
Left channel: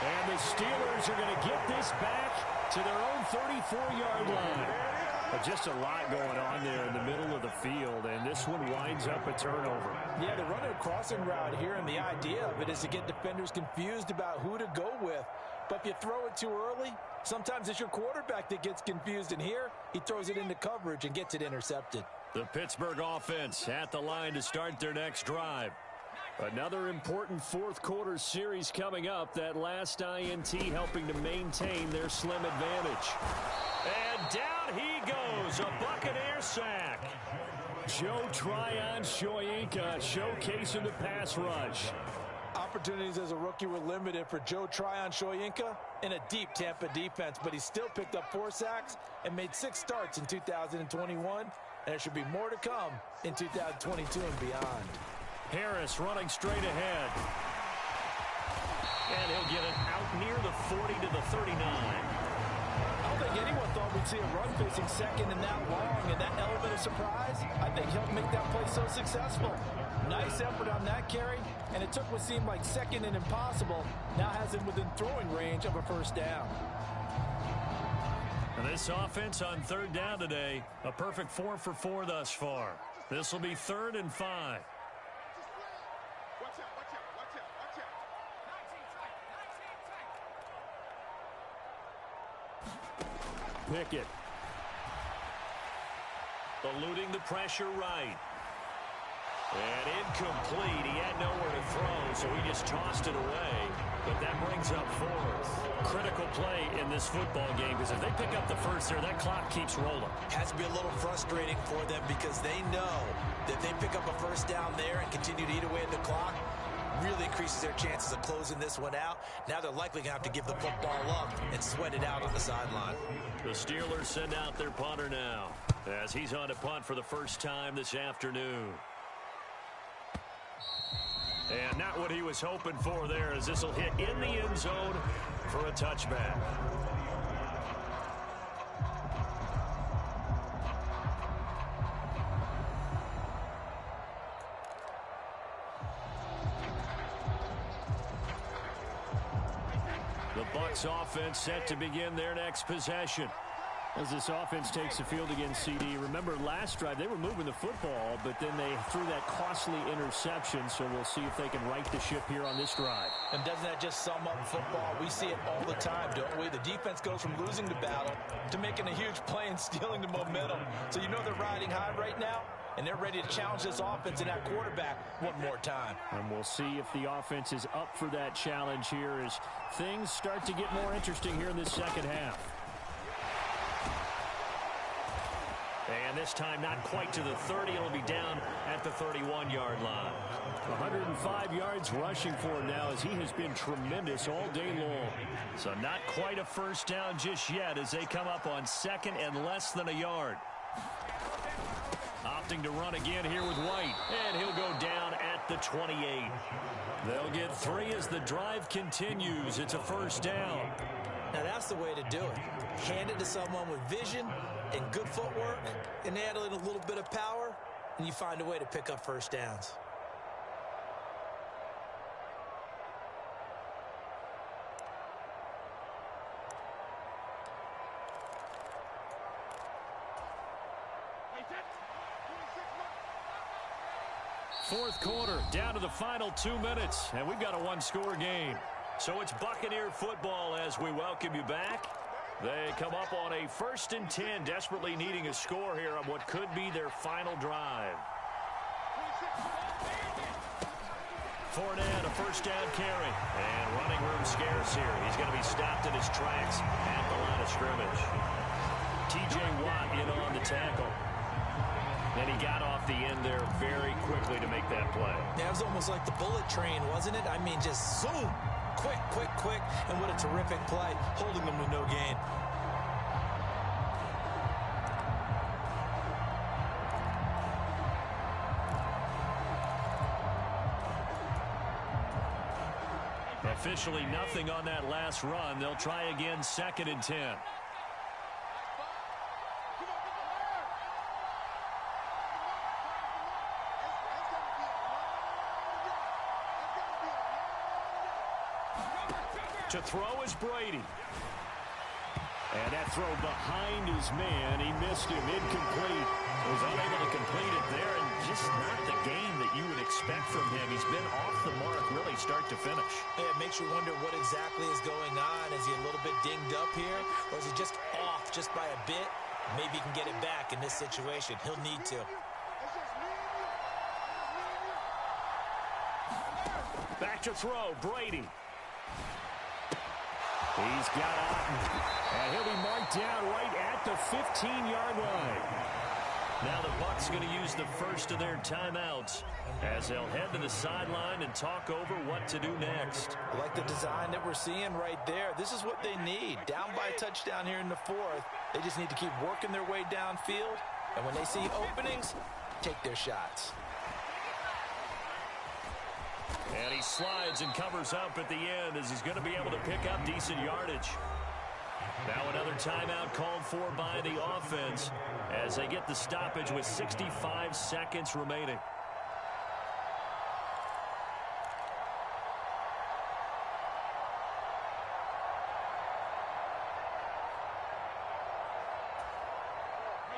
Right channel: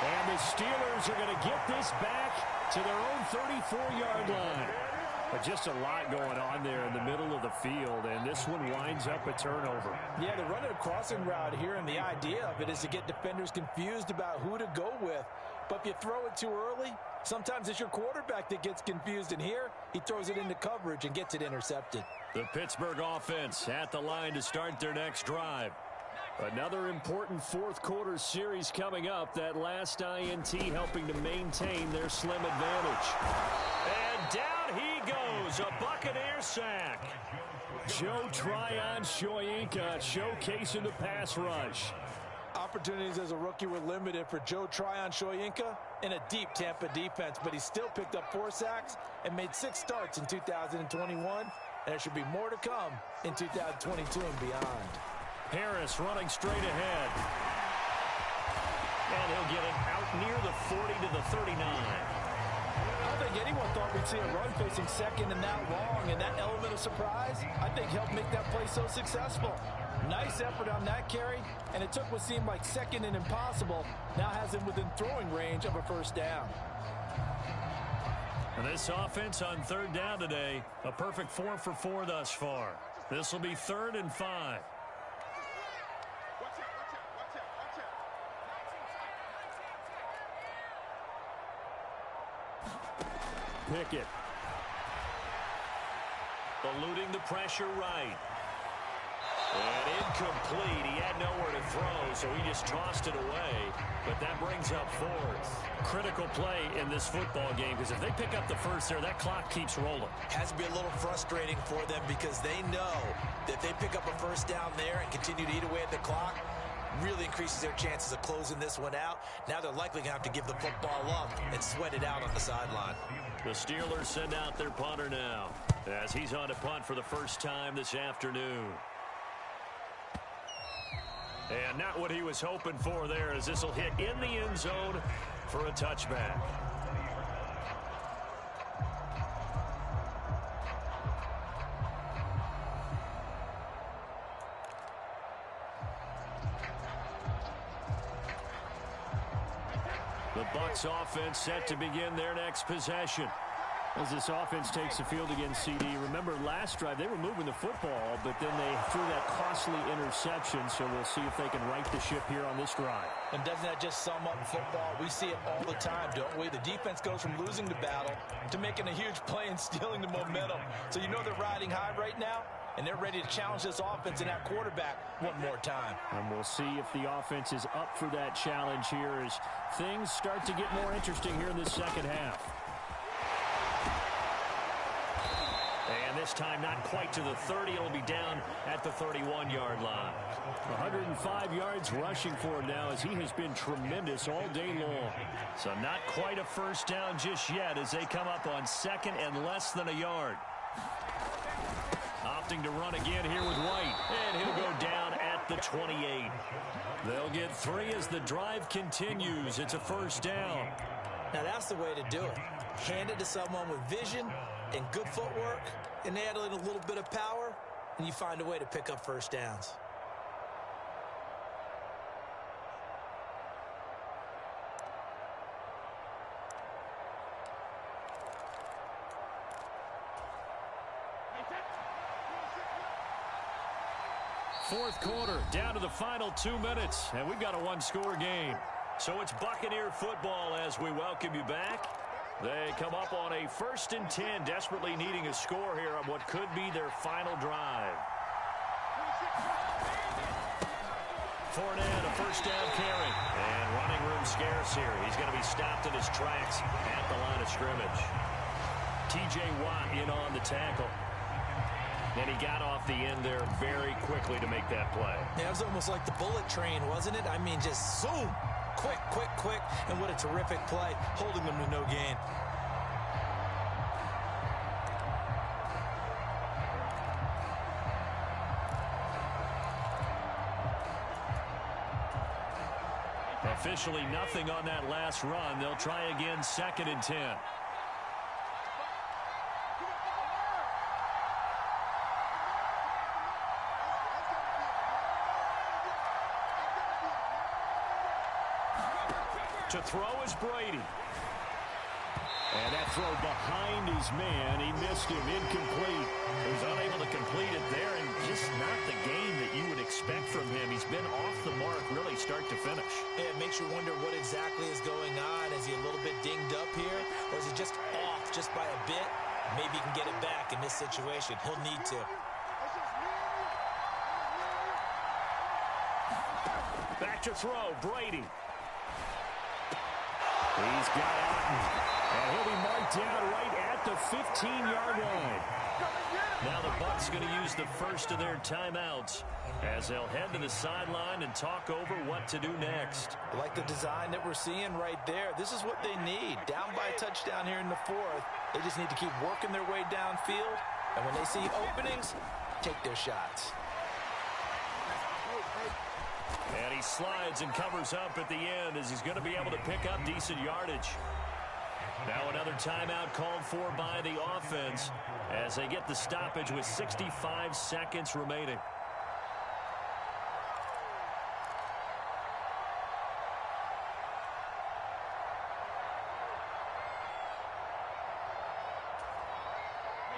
And the Steelers are going to get this back to their own 34-yard line. But just a lot going on there in the middle of the field, and this one winds up a turnover. Yeah, they're running a crossing route here, and the idea of it is to get defenders confused about who to go with. But if you throw it too early, sometimes it's your quarterback that gets confused, and here he throws it into coverage and gets it intercepted. The Pittsburgh offense at the line to start their next drive. Another important 4th quarter series coming up. That last INT helping to maintain their slim advantage. And down he goes, a Buccaneer sack. Joe Tryon-Shoyinka showcasing the pass rush. Opportunities as a rookie were limited for Joe Tryon-Shoyinka in a deep Tampa defense, but he still picked up 4 sacks and made 6 starts in 2021, and there should be more to come in 2022 and beyond. Harris running straight ahead. And he'll get it out near the 40 to the 39. I don't think anyone thought we'd see a run facing 2nd and that long, and that element of surprise, I think, helped make that play so successful. Nice effort on that carry, and it took what seemed like second and impossible. Now has him within throwing range of a first down. And this offense on third down today, a perfect 4 for 4 thus far. This will be 3rd and 5. Pickett. Eluding the pressure right. And incomplete. He had nowhere to throw, so he just tossed it away. But that brings up 4th. Critical play in this football game, because if they pick up the first there, that clock keeps rolling. Has to be a little frustrating for them because they know that if they pick up a first down there and continue to eat away at the clock, really increases their chances of closing this one out. Now they're likely going to have to give the football up and sweat it out on the sideline. The Steelers send out their punter now as he's on to punt for the first time this afternoon. And not what he was hoping for there, as this will hit in the end zone for a touchback. The Bucs offense set to begin their next possession. As this offense takes the field against CD. Remember, last drive, they were moving the football, but then they threw that costly interception, so we'll see if they can right the ship here on this drive. And doesn't that just sum up football? We see it all the time, don't we? The defense goes from losing the battle to making a huge play and stealing the momentum. So you know they're riding high right now, and they're ready to challenge this offense and that quarterback one more time. And we'll see if the offense is up for that challenge here as things start to get more interesting here in this second half. And this time not quite to the 30. It'll be down at the 31-yard line. 105 yards rushing for him now as he has been tremendous all day long. So not quite a first down just yet as they come up on 2nd and less than a yard. Opting to run again here with White. And he'll go down at the 28. They'll get 3 as the drive continues. It's a first down. Now that's the way to do it. Hand it to someone with vision and good footwork, and add in a little bit of power, and you find a way to pick up first downs. Fourth quarter, down to the final 2 minutes, and we've got a one-score game. So it's Buccaneer football as we welcome you back. They come up on a 1st and 10, desperately needing a score here on what could be their final drive. Fournette, a first down carry. And running room scarce here. He's going to be stopped in his tracks at the line of scrimmage. T.J. Watt in on the tackle. And he got off the end there very quickly to make that play. Yeah, it was almost like the bullet train, wasn't it? I mean, just zoom. Quick, quick, quick, and what a terrific play, holding them to no gain. Officially nothing on that last run. They'll try again, 2nd and 10. To throw is Brady. And that throw behind his man. He missed him. Incomplete. He was unable to complete it there, and just not the game that you would expect from him. He's been off the mark really start to finish. Yeah, it makes you wonder what exactly is going on. Is he a little bit dinged up here, or is he just off just by a bit? Maybe he can get it back in this situation. He'll need to. Back to throw, Brady. He's got Otten, and he'll be marked down right at the 15-yard line. Now the Bucs going to use the first of their timeouts as they'll head to the sideline and talk over what to do next. I like the design that we're seeing right there. This is what they need. Down by a touchdown here in the 4th. They just need to keep working their way downfield, and when they see openings, take their shots. And he slides and covers up at the end as he's going to be able to pick up decent yardage. Now another timeout called for by the offense as they get the stoppage with 65 seconds remaining.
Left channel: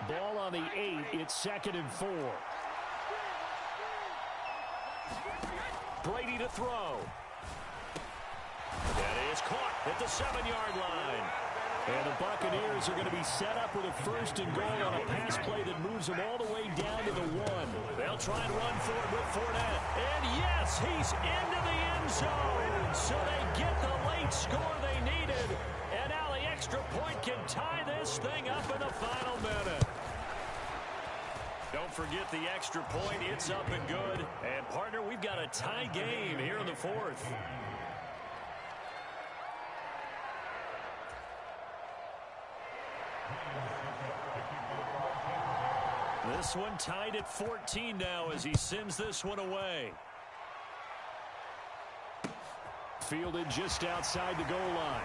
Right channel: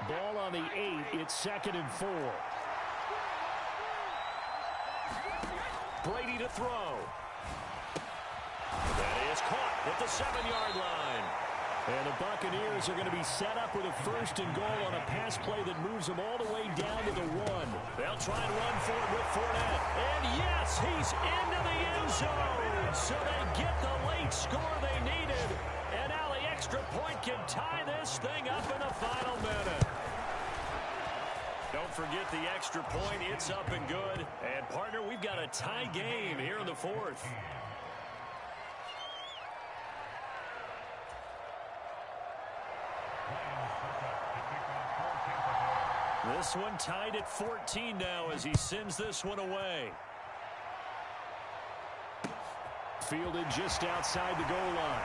ball on the 8. It's 2nd and 4. Brady to throw. That is caught at the 7-yard line. And the Buccaneers are going to be set up with a 1st and goal on a pass play that moves them all the way down to the 1. They'll try and run for it with Fournette. And yes, he's into the end zone. So they get the late score they needed. And now the extra point can tie this thing up in the final minute. Don't forget the extra point. It's up and good. And, partner, we've got a tie game here in the 4th. This one tied at 14 now as he sends this one away. Fielded just outside the goal line.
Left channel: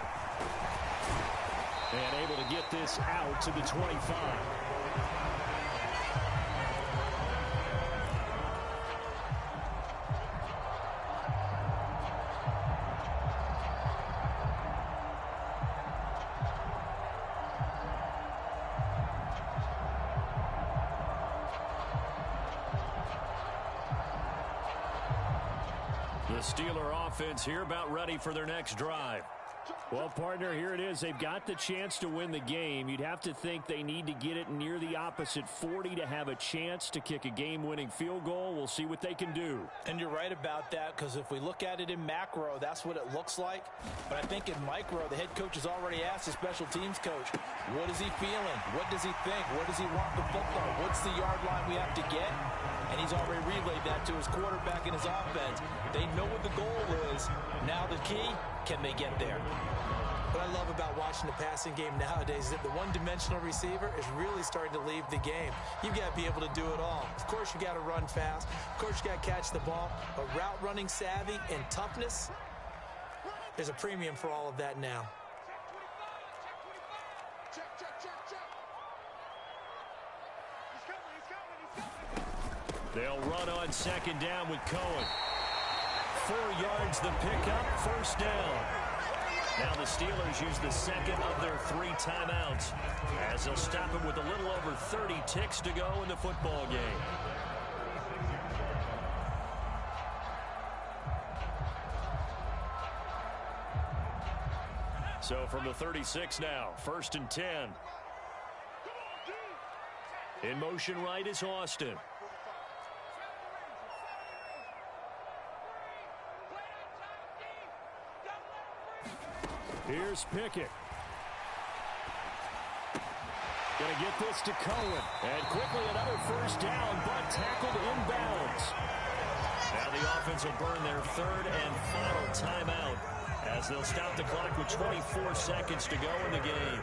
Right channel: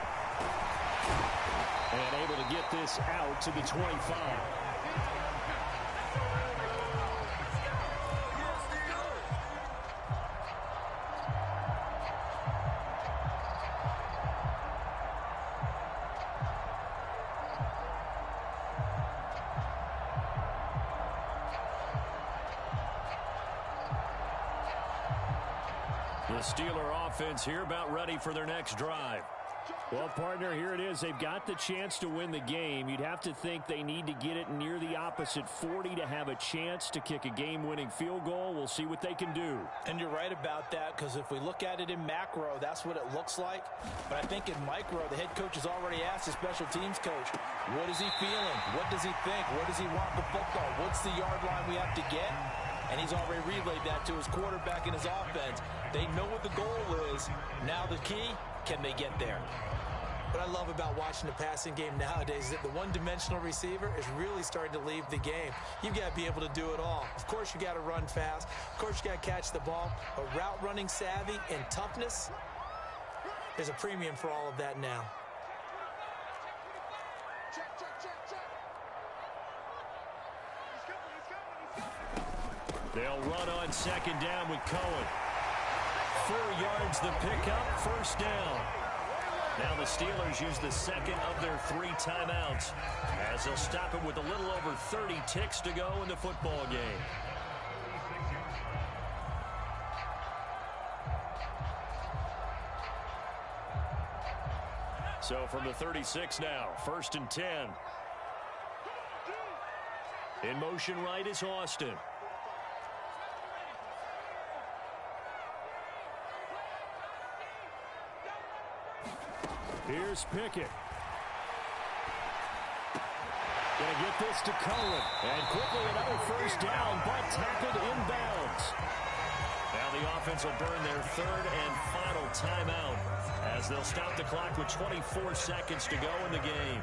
And able to get this out to the 25. The Steeler offense here about ready for their next drive. Well, partner, here it is. They've got the chance to win the game. You'd have to think they need to get it near the opposite 40 to have a chance to kick a game-winning field goal. We'll see what they can do. And you're right about that, because if we look at it in macro, that's what it looks like. But I think in micro, the head coach has already asked the special teams coach, what is he feeling? What does he think? Where does he want the football? What's the yard line we have to get? And he's already relayed that to his quarterback and his offense. They know what the goal is. Now the key, can they get there? What I love about watching the passing game nowadays is that the one-dimensional receiver is really starting to leave the game. You've got to be able to do it all. Of course, you got to run fast. Of course, you got to catch the ball. But route running savvy and toughness, there's a premium for all of that now. They'll run on 2nd down with Cohen. 4 yards the pickup, 1st down. Now the Steelers use the 2nd of their 3 timeouts as they'll stop him with a little over 30 ticks to go in the football game. So from the 36 now, 1st and 10. In motion right is Austin. Here's Pickett. Going to get this to Cohen. And quickly another 1st down, but tackled inbounds. Now the offense will burn their 3rd and final timeout as they'll stop the clock with 24 seconds to go in the game.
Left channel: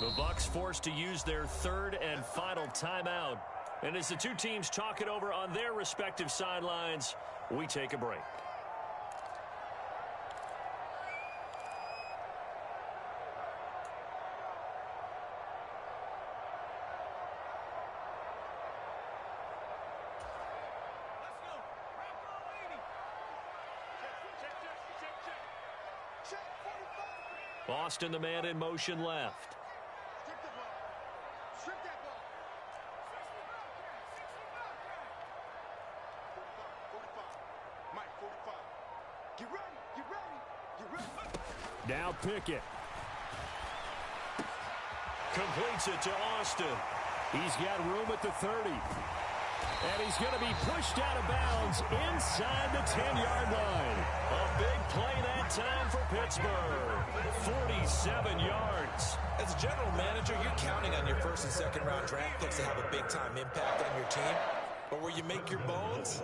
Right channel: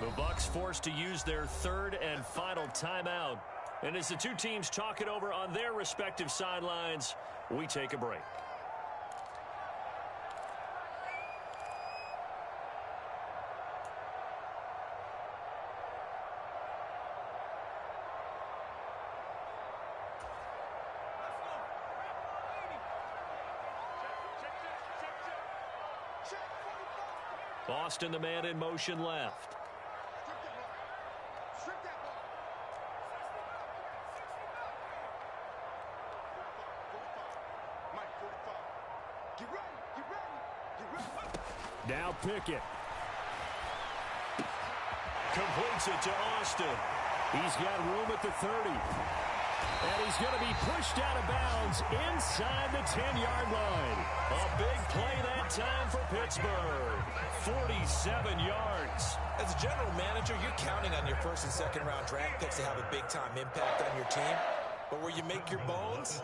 The Bucs forced to use their 3rd and final timeout. And as the two teams talk it over on their respective sidelines, we take a break. Austin, the man in motion left. Now Pickett. Completes it to Austin. He's got room at the 30. And he's going to be pushed out of bounds inside the 10-yard line. A big play that time for Pittsburgh. 47 yards. As a general manager, you're counting on your 1st and 2nd round draft picks to have a big-time impact on your team. But where you make your bones,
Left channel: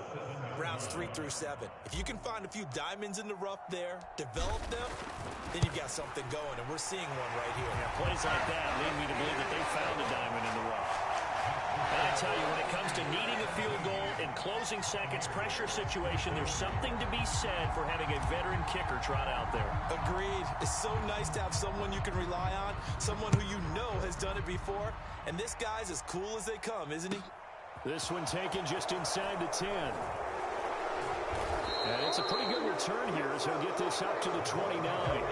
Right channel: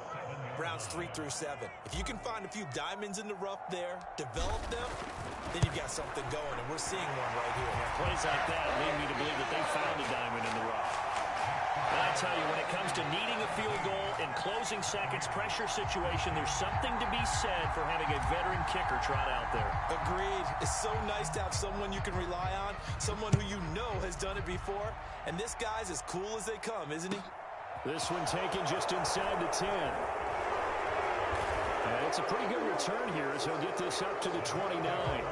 rounds 3 through 7. If you can find a few diamonds in the rough there, develop them, then you've got something going, and we're seeing one right here. Yeah, plays like that lead me to believe that they found a diamond in the rough. And I tell you, when it comes to needing a field goal in closing seconds, pressure situation, there's something to be said for having a veteran kicker trot out there. Agreed. It's so nice to have someone you can rely on, someone who you know has done it before. And this guy's as cool as they come, isn't he? This one taken just inside the 10. And it's a pretty good return here as he'll get this up to the 29.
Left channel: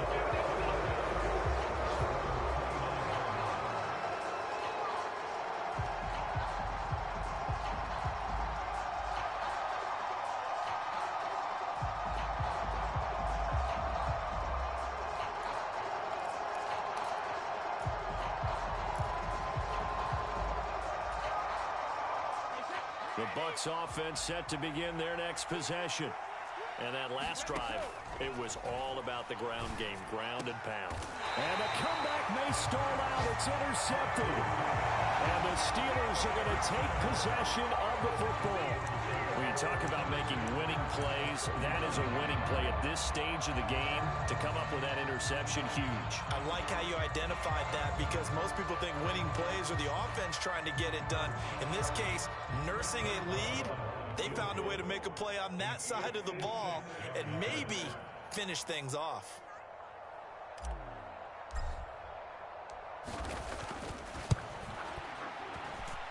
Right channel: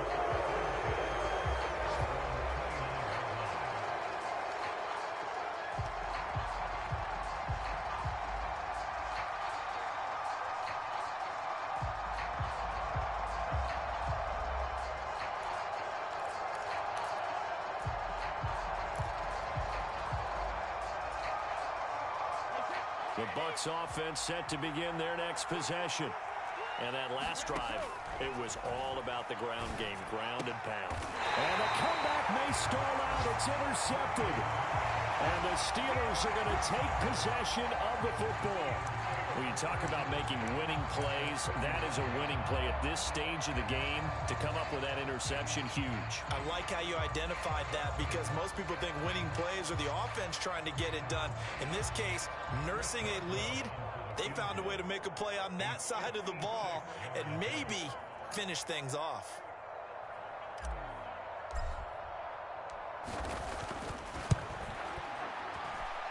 The Bucs offense set to begin their next possession. And that last drive, it was all about the ground game, ground and pound. And the comeback may stall out. It's intercepted. And the Steelers are going to take possession of the football. When you talk about making winning plays, that is a winning play at this stage of the game. To come up with that interception, huge. I like how you identified that because most people think winning plays are the offense trying to get it done. In this case, nursing a lead, they found a way to make a play on that side of the ball and maybe finish things off.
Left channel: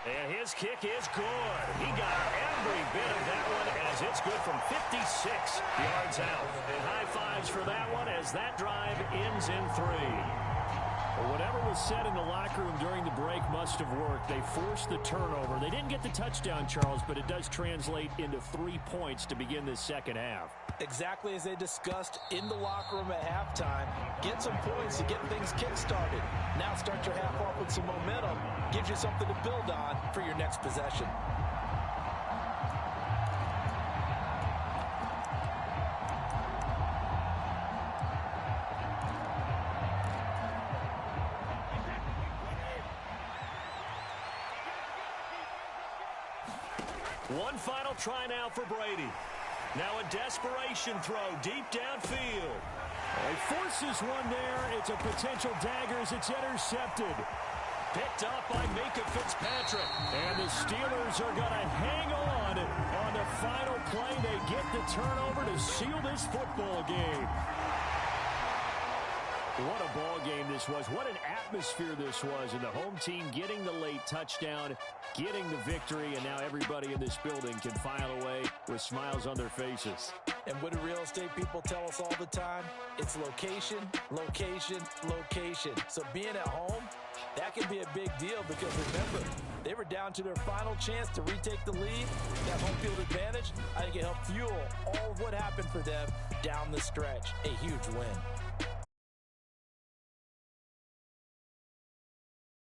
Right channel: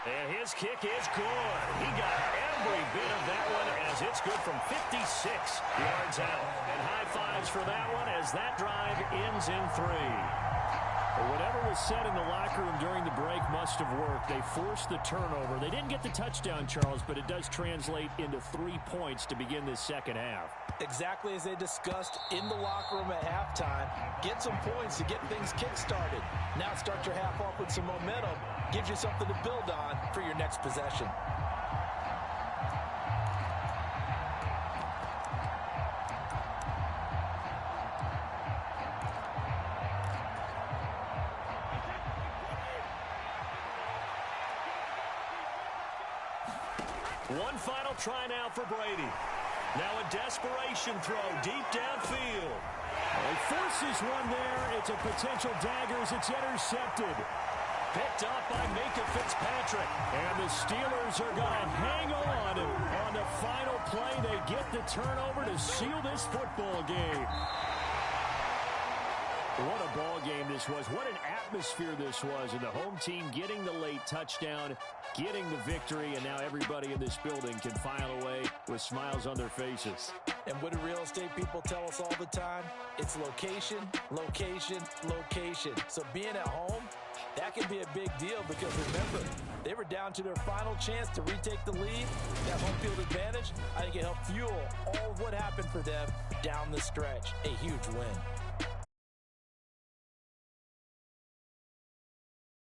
And his kick is good. He got every bit of that one as it's good from 56 yards out. And high fives for that one as that drive ends in 3. Well, whatever was said in the locker room during the break must have worked. They forced the turnover. They didn't get the touchdown, Charles, but it does translate into 3 points to begin this second half. Exactly as they discussed in the locker room at halftime. Get some points to get things kick-started. Now start your half off with some momentum. Gives you something to build on for your next possession. One final try now for Brady. Now a desperation throw deep downfield. He forces one there. It's a potential dagger as it's intercepted. Picked up by Micah Fitzpatrick. And the Steelers are going to hang on the final play. They get the turnover to seal this football game. What a ball game this was. What an atmosphere this was. And the home team getting the late touchdown, getting the victory, and now everybody in this building can file away with smiles on their faces. And what do real estate people tell us all the time? It's location, location, location. So being at home, that can be a big deal because remember, they were down to their final chance to retake the lead. That home field advantage, I think it helped fuel all of what happened for them down the stretch. A huge win.